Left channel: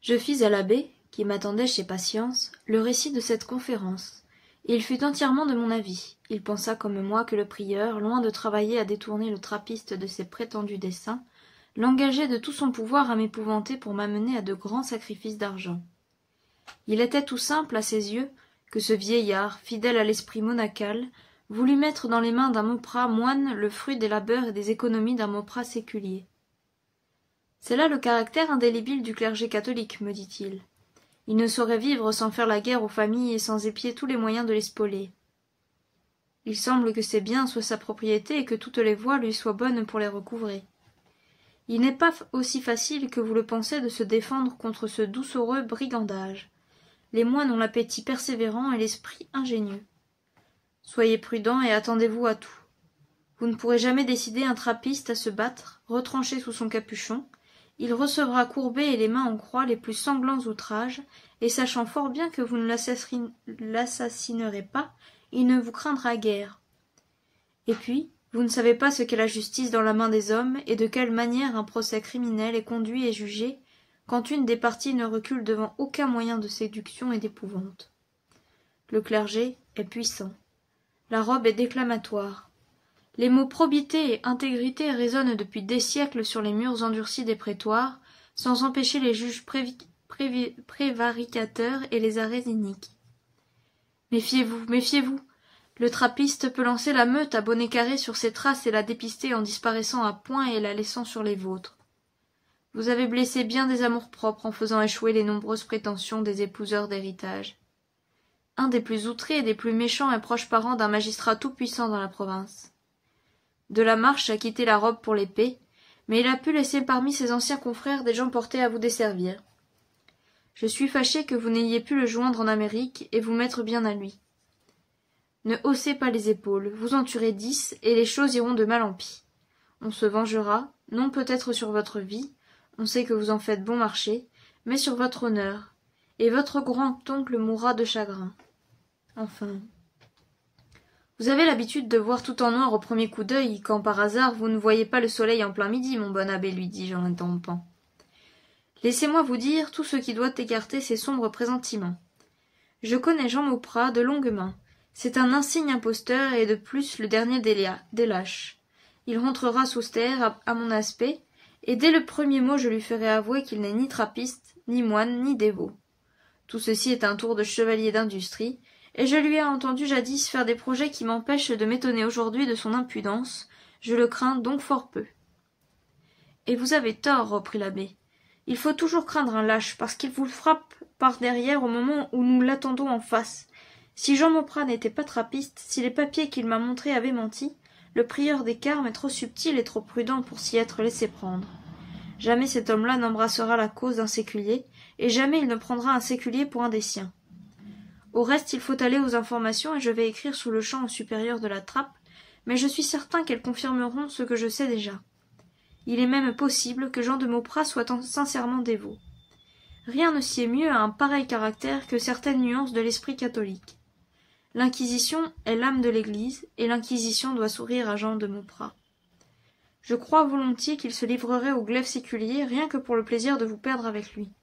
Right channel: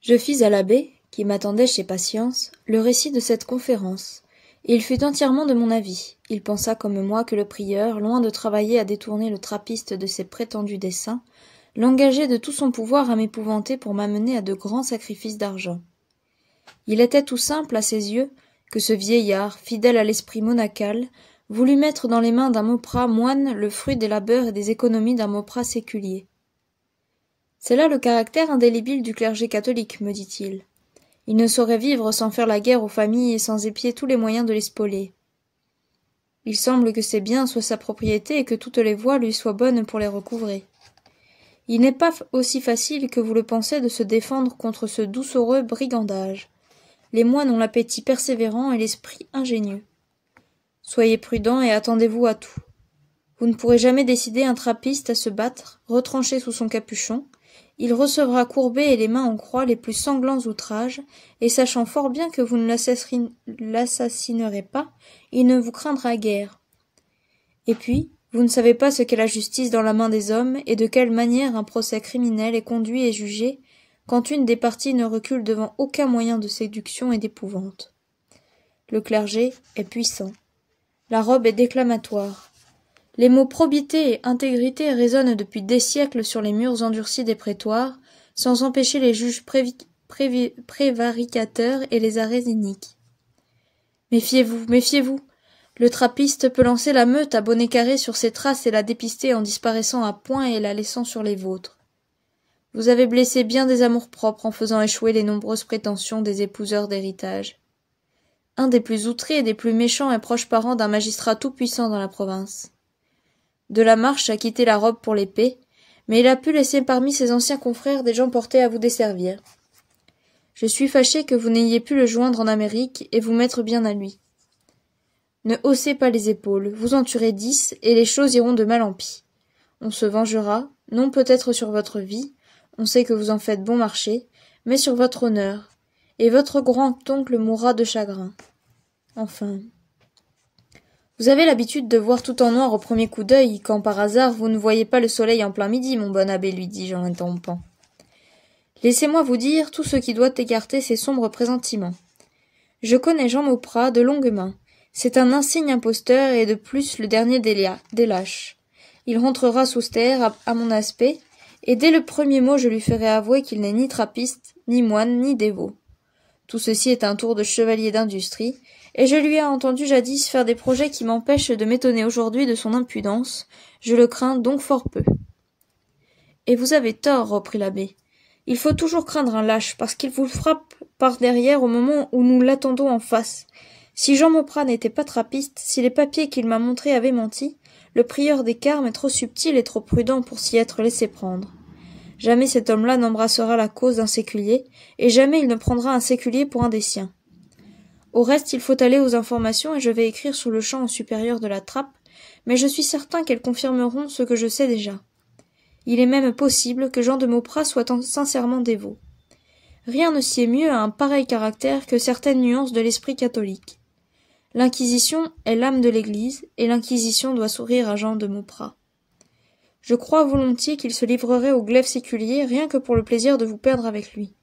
Je fis à l'abbé, qui m'attendait chez Patience, le récit de cette conférence. Il fut entièrement de mon avis. Il pensa comme moi que le prieur, loin de travailler à détourner le trappiste de ses prétendus desseins, l'engageait de tout son pouvoir à m'épouvanter pour m'amener à de grands sacrifices d'argent. Il était tout simple à ses yeux que ce vieillard, fidèle à l'esprit monacal, voulut mettre dans les mains d'un Mauprat moine le fruit des labeurs et des économies d'un Mauprat séculier. C'est là le caractère indélébile du clergé catholique, me dit-il. Il ne saurait vivre sans faire la guerre aux familles et sans épier tous les moyens de les spolier. Il semble que ses biens soient sa propriété et que toutes les voies lui soient bonnes pour les recouvrer. Il n'est pas aussi facile que vous le pensez de se défendre contre ce doucereux brigandage. Les moines ont l'appétit persévérant et l'esprit ingénieux. Soyez prudents et attendez-vous à tout. Vous ne pourrez jamais décider un trappiste à se battre, retranché sous son capuchon. Il recevra courbés et les mains en croix les plus sanglants outrages, et sachant fort bien que vous ne l'assassinerez pas, il ne vous craindra guère. Et puis, vous ne savez pas ce qu'est la justice dans la main des hommes, et de quelle manière un procès criminel est conduit et jugé, quand une des parties ne recule devant aucun moyen de séduction et d'épouvante. Le clergé est puissant. La robe est déclamatoire. Les mots probité et intégrité résonnent depuis des siècles sur les murs endurcis des prétoires, sans empêcher les juges prévaricateurs et les arrêts iniques. Méfiez-vous, méfiez-vous. Le trappiste peut lancer la meute à bonnet carré sur ses traces et la dépister en disparaissant à point et la laissant sur les vôtres. Vous avez blessé bien des amours-propres en faisant échouer les nombreuses prétentions des épouseurs d'héritage. Un des plus outrés et des plus méchants est proche parent d'un magistrat tout-puissant dans la province. De la Marche a quitté la robe pour l'épée, mais il a pu laisser parmi ses anciens confrères des gens portés à vous desservir. Je suis fâché que vous n'ayez pu le joindre en Amérique et vous mettre bien à lui. Ne haussez pas les épaules, vous en tuerez 10 et les choses iront de mal en pis. On se vengera, non peut-être sur votre vie, on sait que vous en faites bon marché, mais sur votre honneur, et votre grand-oncle mourra de chagrin. Enfin... Vous avez l'habitude de voir tout en noir au premier coup d'œil, quand par hasard vous ne voyez pas le soleil en plein midi, mon bon abbé, lui dis-je en l'interrompant. Laissez-moi vous dire tout ce qui doit écarter ces sombres pressentiments. Je connais Jean Mauprat de longue main. C'est un insigne imposteur et de plus le dernier des lâches. Il rentrera sous terre à mon aspect, et dès le premier mot je lui ferai avouer qu'il n'est ni trappiste, ni moine, ni dévot. Tout ceci est un tour de chevalier d'industrie, et je lui ai entendu jadis faire des projets qui m'empêchent de m'étonner aujourd'hui de son impudence. Je le crains donc fort peu. Et vous avez tort, reprit l'abbé. Il faut toujours craindre un lâche, parce qu'il vous frappe par derrière au moment où nous l'attendons en face. Si Jean Mauprat n'était pas trappiste, si les papiers qu'il m'a montrés avaient menti, le prieur des Carmes est trop subtil et trop prudent pour s'y être laissé prendre. Jamais cet homme-là n'embrassera la cause d'un séculier, et jamais il ne prendra un séculier pour un des siens. Au reste, il faut aller aux informations et je vais écrire sous le champ au supérieur de la trappe, mais je suis certain qu'elles confirmeront ce que je sais déjà. Il est même possible que Jean de Mauprat soit sincèrement dévot. Rien ne sied mieux à un pareil caractère que certaines nuances de l'esprit catholique. L'Inquisition est l'âme de l'Église, et l'Inquisition doit sourire à Jean de Mauprat. Je crois volontiers qu'il se livrerait au glaive séculier rien que pour le plaisir de vous perdre avec lui,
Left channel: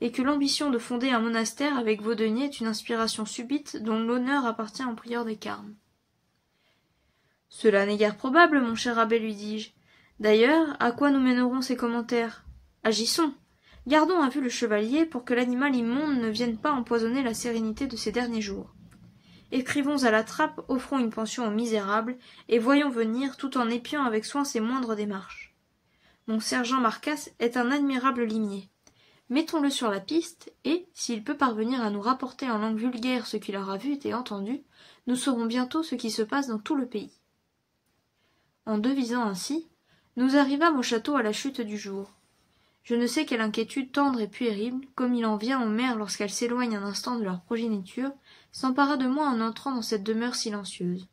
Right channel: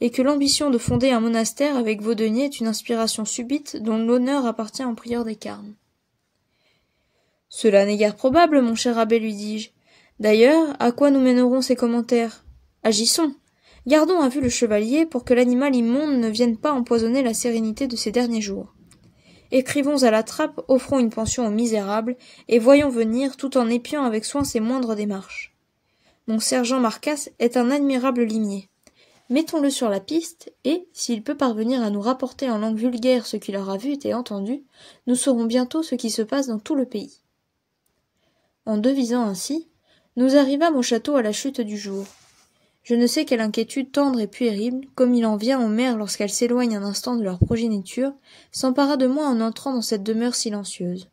et que l'ambition de fonder un monastère avec vos deniers est une inspiration subite dont l'honneur appartient au prieur des Carmes. Cela n'est guère probable, mon cher abbé, lui dis-je. D'ailleurs, à quoi nous mèneront ces commentaires? Agissons. Gardons à vue le chevalier pour que l'animal immonde ne vienne pas empoisonner la sérénité de ces derniers jours. Écrivons à la trappe, offrons une pension aux misérables, et voyons venir tout en épiant avec soin ses moindres démarches. Mon sergent Marcasse est un admirable limier. Mettons-le sur la piste, et, s'il peut parvenir à nous rapporter en langue vulgaire ce qu'il aura vu et entendu, nous saurons bientôt ce qui se passe dans tout le pays. En devisant ainsi, nous arrivâmes au château à la chute du jour. Je ne sais quelle inquiétude tendre et puérile, comme il en vient aux mères lorsqu'elles s'éloignent un instant de leur progéniture, s'empara de moi en entrant dans cette demeure silencieuse.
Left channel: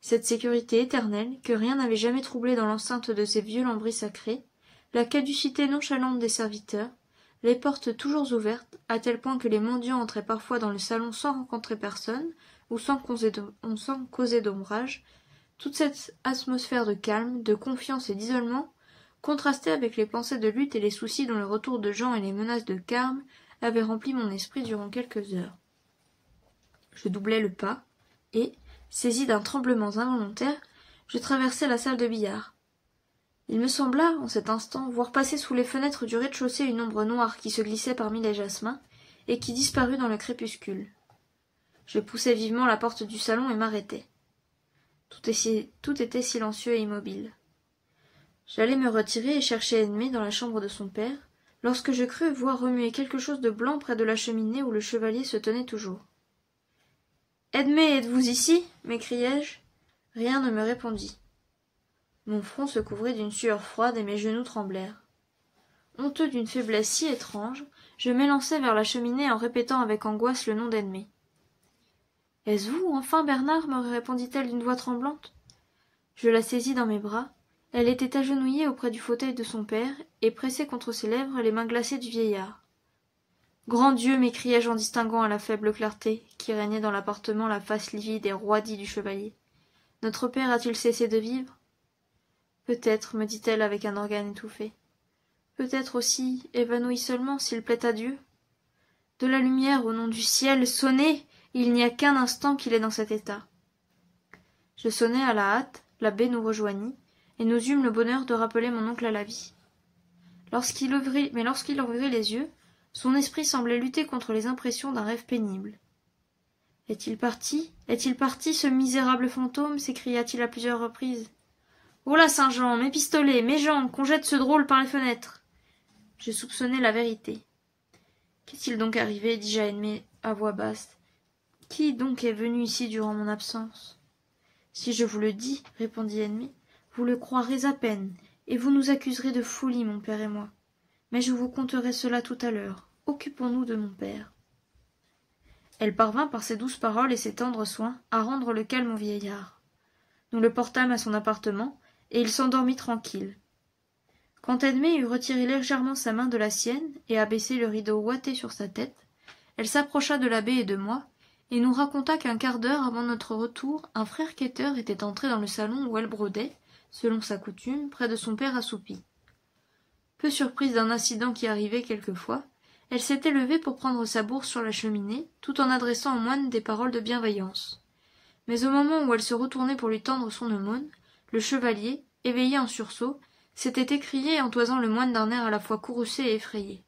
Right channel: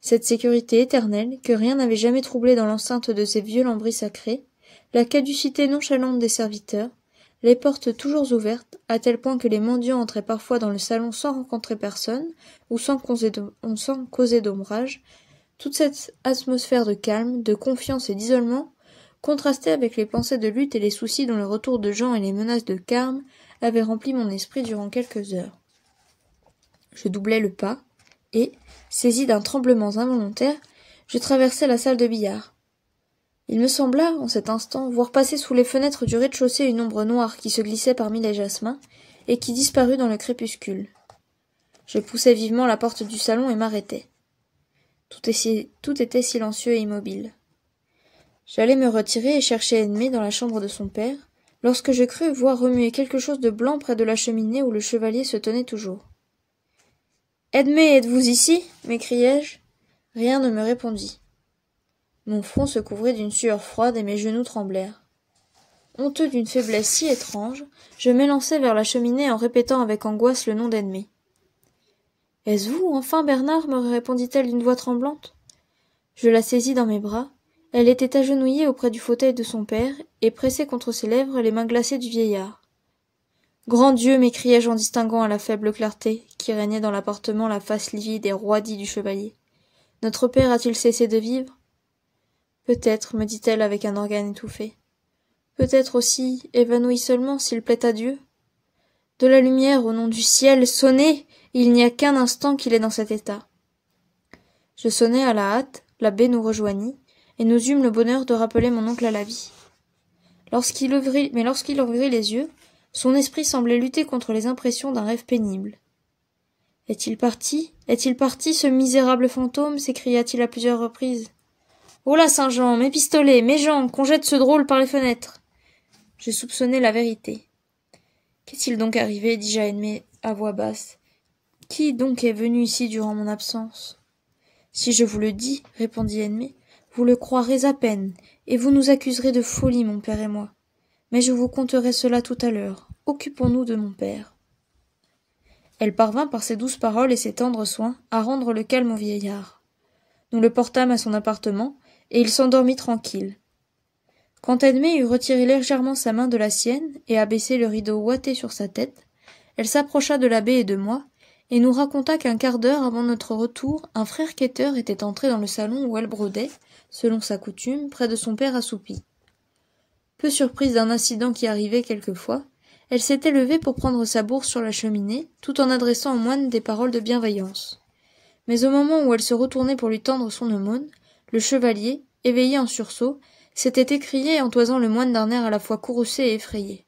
Cette sécurité éternelle, que rien n'avait jamais troublée dans l'enceinte de ces vieux lambris sacrés, la caducité nonchalante des serviteurs, les portes toujours ouvertes, à tel point que les mendiants entraient parfois dans le salon sans rencontrer personne, ou sans causer d'ombrage, toute cette atmosphère de calme, de confiance et d'isolement, contrastait avec les pensées de lutte et les soucis dont le retour de Jean et les menaces de Carme avaient rempli mon esprit durant quelques heures. Je doublai le pas, et, saisi d'un tremblement involontaire, je traversai la salle de billard. Il me sembla, en cet instant, voir passer sous les fenêtres du rez-de-chaussée une ombre noire qui se glissait parmi les jasmins, et qui disparut dans le crépuscule. Je poussai vivement la porte du salon et m'arrêtai. Tout était silencieux et immobile. J'allais me retirer et chercher Edmé dans la chambre de son père, lorsque je crus voir remuer quelque chose de blanc près de la cheminée où le chevalier se tenait toujours. « Edmé, êtes-vous ici » m'écriai-je. Rien ne me répondit. Mon front se couvrit d'une sueur froide et mes genoux tremblèrent. Honteux d'une faiblesse si étrange, je m'élançai vers la cheminée en répétant avec angoisse le nom d'Edmé. « Est-ce vous, enfin, Bernard » me répondit-elle d'une voix tremblante. Je la saisis dans mes bras. Elle était agenouillée auprès du fauteuil de son père et pressait contre ses lèvres les mains glacées du vieillard. « Grand Dieu » m'écriai-je en distinguant à la faible clarté qui régnait dans l'appartement la face livide et roidie du chevalier. « Notre père a-t-il cessé de vivre ?»« Peut-être, me dit-elle avec un organe étouffé. Peut-être aussi, évanoui seulement, s'il plaît à Dieu. De la lumière, au nom du ciel, sonnez ! Il n'y a qu'un instant qu'il est dans cet état. » Je sonnai à la hâte, l'abbé nous rejoignit, et nous eûmes le bonheur de rappeler mon oncle à la vie. Lorsqu'il ouvrit les yeux, son esprit semblait lutter contre les impressions d'un rêve pénible. « Est-il parti ? Est-il parti, ce misérable fantôme » s'écria-t-il à plusieurs reprises. « Oh là, Saint-Jean, mes pistolets, mes jambes, qu'on jette ce drôle par les fenêtres !» Je soupçonnai la vérité. « Qu'est-il donc arrivé » dis-je à Edmé à voix basse. « Qui donc est venu ici durant mon absence ?»« Si je vous le dis, répondit Edmé, vous le croirez à peine, et vous nous accuserez de folie, mon père et moi. Mais je vous conterai cela tout à l'heure. Occupons-nous de mon père. » Elle parvint par ses douces paroles et ses tendres soins à rendre le calme au vieillard. Nous le portâmes à son appartement, et il s'endormit tranquille. Quand Edmé eut retiré légèrement sa main de la sienne et abaissé le rideau ouaté sur sa tête, elle s'approcha de l'abbé et de moi, et nous raconta qu'un quart d'heure avant notre retour, un frère quêteur était entré dans le salon où elle brodait, selon sa coutume, près de son père assoupi. Peu surprise d'un incident qui arrivait quelquefois, elle s'était levée pour prendre sa bourse sur la cheminée, tout en adressant au moine des paroles de bienveillance. Mais au moment où elle se retournait pour lui tendre son aumône, le chevalier, éveillé en sursaut, s'était écrié en toisant le moine d'un air à la fois courroucé et effrayé.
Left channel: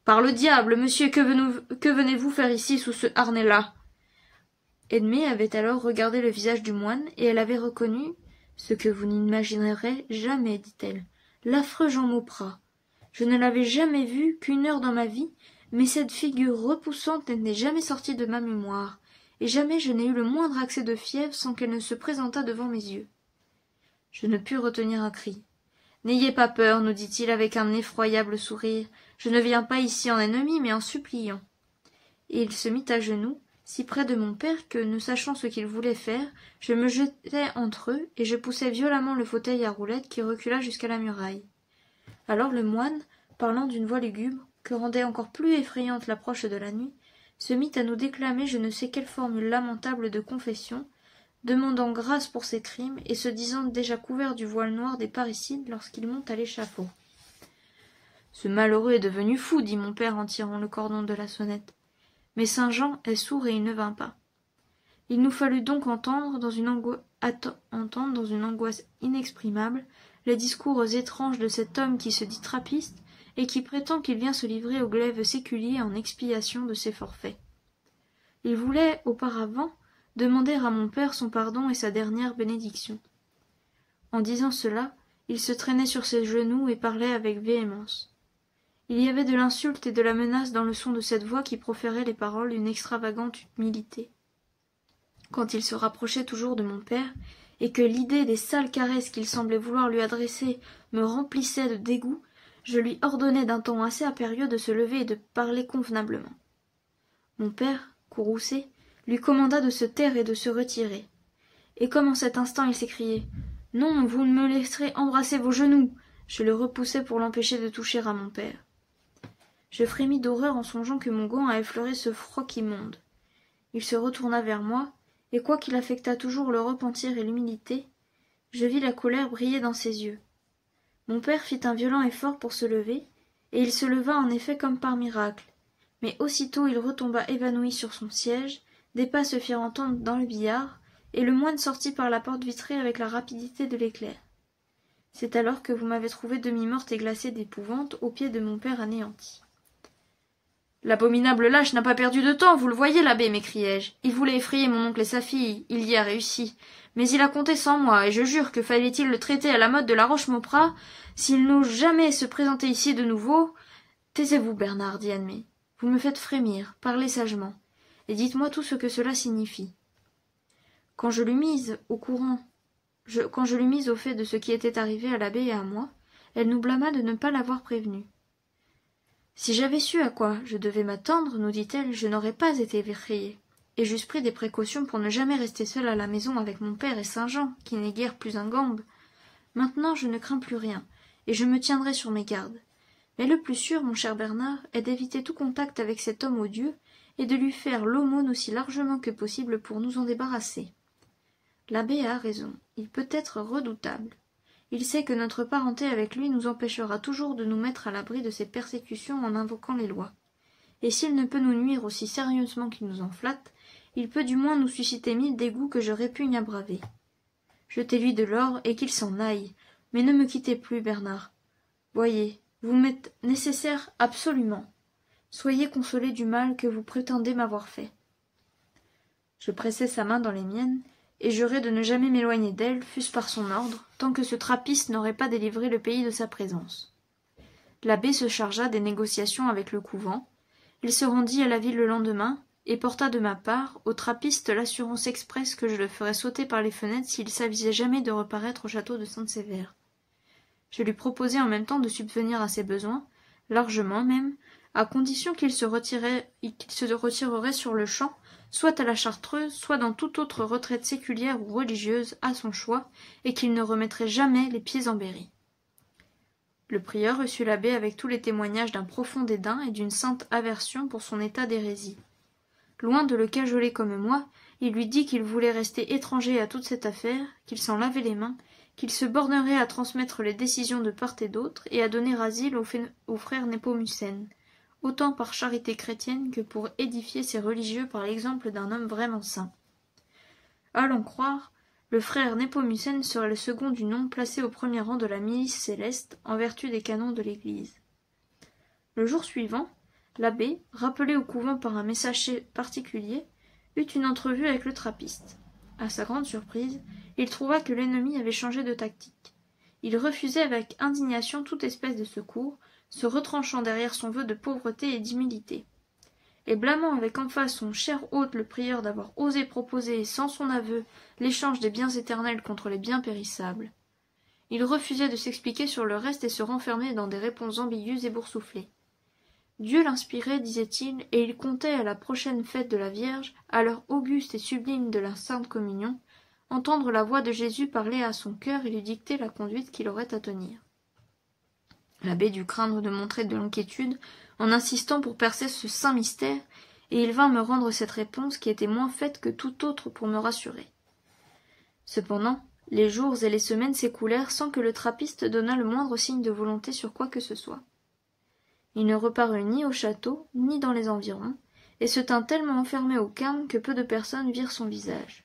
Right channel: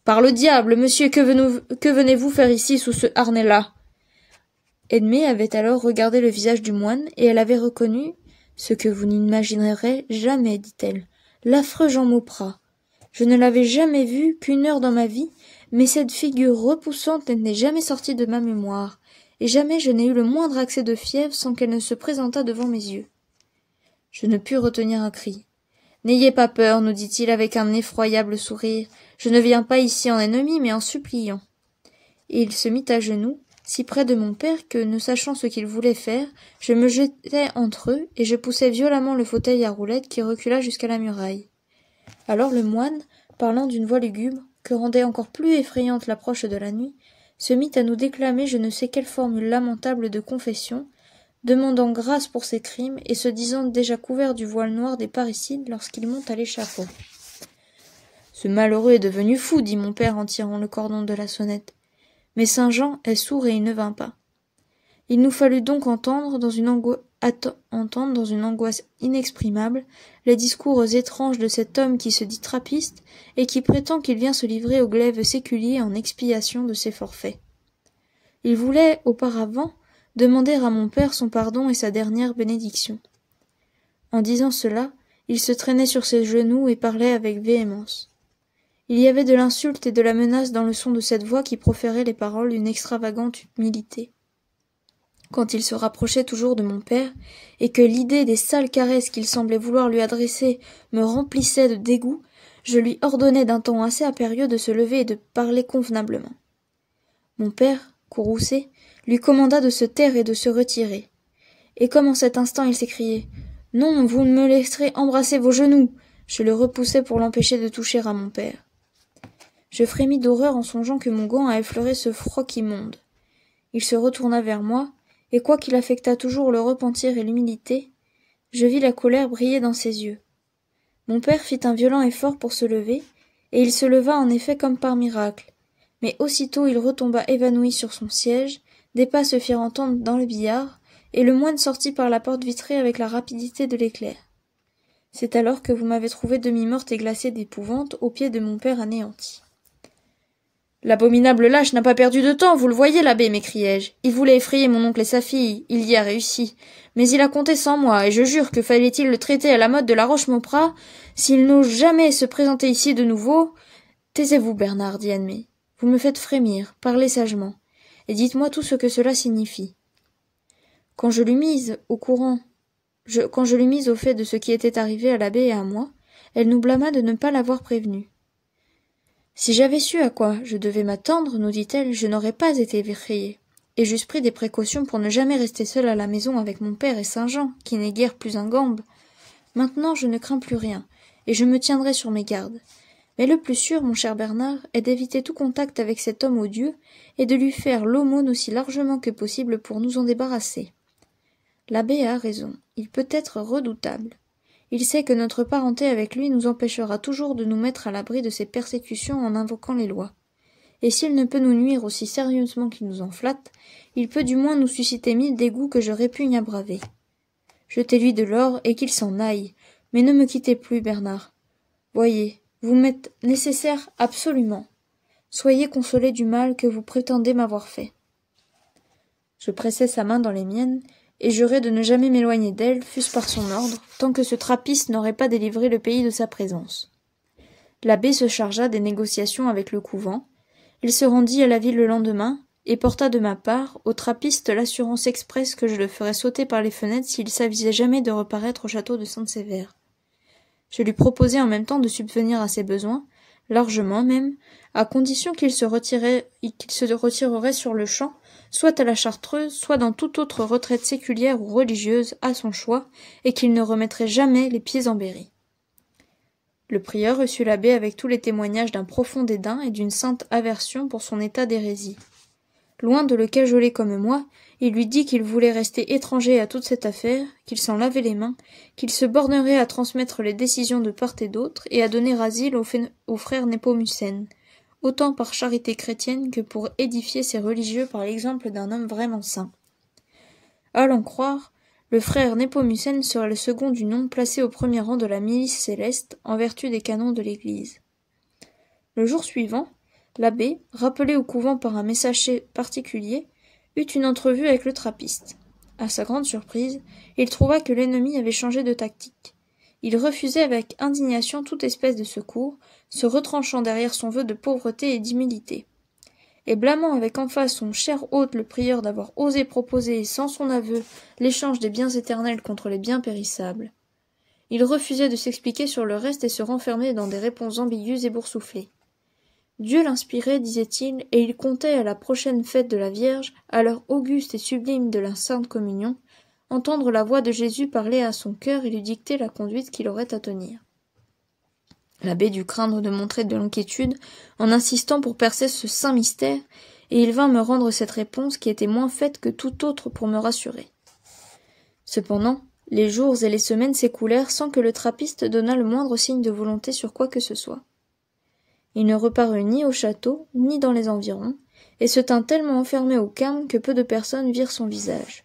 « Par le diable, monsieur, que venez-vous faire ici sous ce harnais-là » Edmé avait alors regardé le visage du moine, et elle avait reconnu ce que vous n'imaginerez jamais, dit-elle, l'affreux Jean Mauprat. Je ne l'avais jamais vu qu'une heure dans ma vie, mais cette figure repoussante n'est jamais sortie de ma mémoire, et jamais je n'ai eu le moindre accès de fièvre sans qu'elle ne se présentât devant mes yeux. Je ne pus retenir un cri. « N'ayez pas peur, nous dit-il avec un effroyable sourire, je ne viens pas ici en ennemi, mais en suppliant. » Et il se mit à genoux, si près de mon père que, ne sachant ce qu'il voulait faire, je me jetai entre eux et je poussai violemment le fauteuil à roulettes qui recula jusqu'à la muraille. Alors le moine, parlant d'une voix lugubre, que rendait encore plus effrayante l'approche de la nuit, se mit à nous déclamer je ne sais quelle formule lamentable de confession, demandant grâce pour ses crimes et se disant déjà couvert du voile noir des parricides lorsqu'il monte à l'échafaud. « Ce malheureux est devenu fou, dit mon père en tirant le cordon de la sonnette. Mais Saint-Jean est sourd et il ne vint pas. Il nous fallut donc entendre dans une angoisse inexprimable les discours étranges de cet homme qui se dit trappiste et qui prétend qu'il vient se livrer au glaive séculier en expiation de ses forfaits. Il voulait, auparavant, demander à mon père son pardon et sa dernière bénédiction. En disant cela, il se traînait sur ses genoux et parlait avec véhémence. Il y avait de l'insulte et de la menace dans le son de cette voix qui proférait les paroles d'une extravagante humilité. Quand il se rapprochait toujours de mon père, et que l'idée des sales caresses qu'il semblait vouloir lui adresser me remplissait de dégoût, je lui ordonnais d'un ton assez impérieux de se lever et de parler convenablement. Mon père, courroucé, lui commanda de se taire et de se retirer. Et comme en cet instant il s'écriait « Non, vous ne me laisserez embrasser vos genoux !» je le repoussai pour l'empêcher de toucher à mon père. Je frémis d'horreur en songeant que mon gant a effleuré ce froc immonde. Il se retourna vers moi, et quoiqu'il affectât toujours le repentir et l'humilité, je vis la colère briller dans ses yeux. Mon père fit un violent effort pour se lever, et il se leva en effet comme par miracle. Mais aussitôt il retomba évanoui sur son siège, des pas se firent entendre dans le billard, et le moine sortit par la porte vitrée avec la rapidité de l'éclair. C'est alors que vous m'avez trouvée demi-morte et glacée d'épouvante aux pieds de mon père anéanti. L'abominable lâche n'a pas perdu de temps, vous le voyez, l'abbé, m'écriai-je. Il voulait effrayer mon oncle et sa fille, il y a réussi. Mais il a compté sans moi, et je jure que fallait-il le traiter à la mode de la Roche-Mauprat, s'il n'ose jamais se présenter ici de nouveau. Taisez-vous, Bernard, dit Annemie. Vous me faites frémir, parlez sagement, et dites-moi tout ce que cela signifie. Quand je l'eus mise au fait de ce qui était arrivé à l'abbé et à moi, elle nous blâma de ne pas l'avoir prévenue. Si j'avais su à quoi je devais m'attendre, nous dit-elle, je n'aurais pas été effrayée, et j'eusse pris des précautions pour ne jamais rester seule à la maison avec mon père et Saint-Jean, qui n'est guère plus un gambe. Maintenant je ne crains plus rien, et je me tiendrai sur mes gardes. Mais le plus sûr, mon cher Bernard, est d'éviter tout contact avec cet homme odieux, et de lui faire l'aumône aussi largement que possible pour nous en débarrasser. L'abbé a raison, il peut être redoutable. Il sait que notre parenté avec lui nous empêchera toujours de nous mettre à l'abri de ses persécutions en invoquant les lois. Et s'il ne peut nous nuire aussi sérieusement qu'il nous en flatte, il peut du moins nous susciter 1000 dégoûts que je répugne à braver. Jetez-lui de l'or et qu'il s'en aille, mais ne me quittez plus, Bernard. Voyez, vous m'êtes nécessaire absolument. Soyez consolé du mal que vous prétendez m'avoir fait. Je pressai sa main dans les miennes, et jurai de ne jamais m'éloigner d'elle, fût-ce par son ordre, tant que ce trappiste n'aurait pas délivré le pays de sa présence. L'abbé se chargea des négociations avec le couvent, il se rendit à la ville le lendemain, et porta de ma part au trappiste l'assurance expresse que je le ferais sauter par les fenêtres s'il s'avisait jamais de reparaître au château de Sainte-Sévère. Je lui proposai en même temps de subvenir à ses besoins, largement même, à condition qu'il se retirerait sur le champ, soit à la Chartreuse, soit dans toute autre retraite séculière ou religieuse, à son choix, et qu'il ne remettrait jamais les pieds en Berry. Le prieur reçut l'abbé avec tous les témoignages d'un profond dédain et d'une sainte aversion pour son état d'hérésie. Loin de le cajoler comme moi, il lui dit qu'il voulait rester étranger à toute cette affaire, qu'il s'en lavait les mains, qu'il se bornerait à transmettre les décisions de part et d'autre et à donner asile au frère Népomucène, autant par charité chrétienne que pour édifier ses religieux par l'exemple d'un homme vraiment saint. À l'en croire, le frère Népomucène serait le second du nom placé au premier rang de la milice céleste en vertu des canons de l'Église. Le jour suivant, l'abbé, rappelé au couvent par un messager particulier, eut une entrevue avec le trappiste. À sa grande surprise, il trouva que l'ennemi avait changé de tactique. Il refusait avec indignation toute espèce de secours, se retranchant derrière son vœu de pauvreté et d'humilité. Et blâmant avec emphase son cher hôte le prieur d'avoir osé proposer, sans son aveu, l'échange des biens éternels contre les biens périssables. Il refusait de s'expliquer sur le reste et se renfermait dans des réponses ambiguës et boursouflées. Dieu l'inspirait, disait-il, et il comptait à la prochaine fête de la Vierge, à l'heure auguste et sublime de la Sainte Communion, entendre la voix de Jésus parler à son cœur et lui dicter la conduite qu'il aurait à tenir. L'abbé dut craindre de montrer de l'inquiétude en insistant pour percer ce saint mystère, et il vint me rendre cette réponse qui était moins faite que toute autre pour me rassurer. Cependant, les jours et les semaines s'écoulèrent sans que le trappiste donnât le moindre signe de volonté sur quoi que ce soit. Il ne reparut ni au château, ni dans les environs, et se tint tellement enfermé au carme que peu de personnes virent son visage.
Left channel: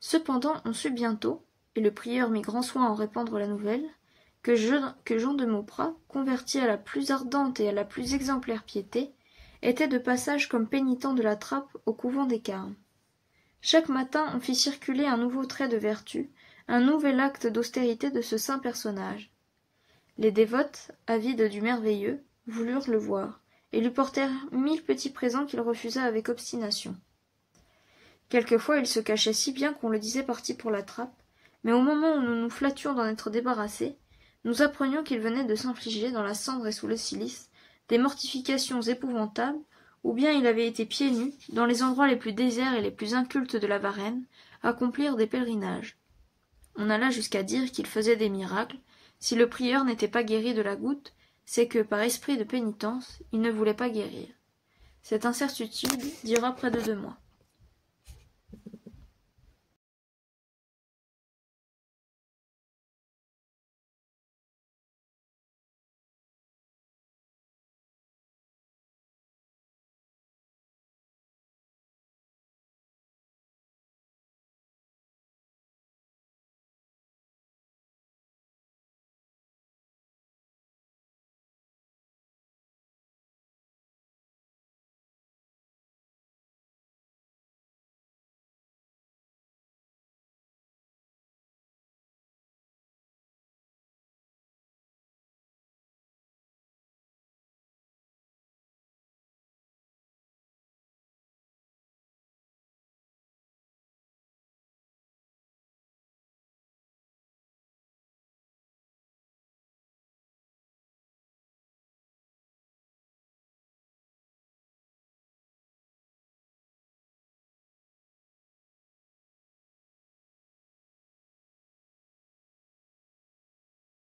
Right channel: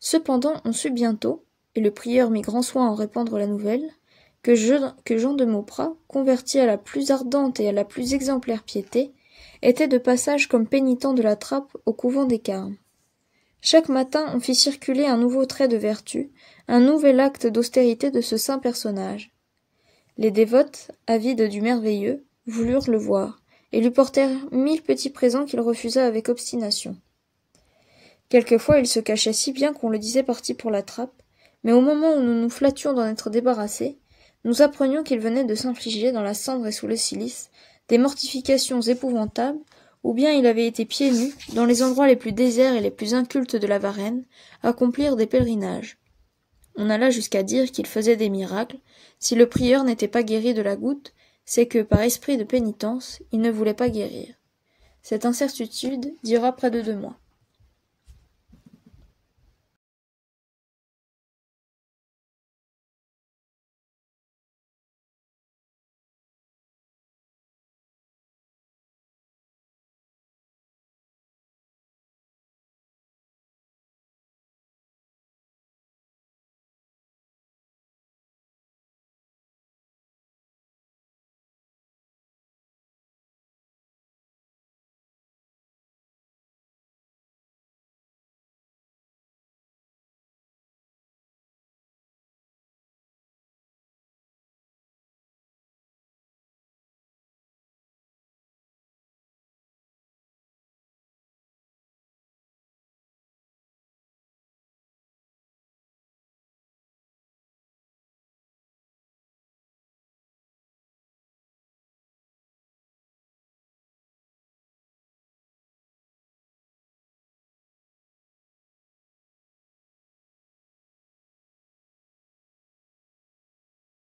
Cependant, on sut bientôt, et le prieur mit grand soin à en répandre la nouvelle, que Jean de Mauprat, converti à la plus ardente et à la plus exemplaire piété, était de passage comme pénitent de la trappe au couvent des Carmes. Chaque matin on fit circuler un nouveau trait de vertu, un nouvel acte d'austérité de ce saint personnage. Les dévotes, avides du merveilleux, voulurent le voir, et lui portèrent 1000 petits présents qu'il refusa avec obstination. Quelquefois il se cachait si bien qu'on le disait parti pour la trappe, mais au moment où nous nous flattions d'en être débarrassés, nous apprenions qu'il venait de s'infliger dans la cendre et sous le cilice des mortifications épouvantables, ou bien il avait été pieds nus, dans les endroits les plus déserts et les plus incultes de la Varenne, accomplir des pèlerinages. On alla jusqu'à dire qu'il faisait des miracles. Si le prieur n'était pas guéri de la goutte, c'est que, par esprit de pénitence, il ne voulait pas guérir. Cette incertitude dura près de 2 mois.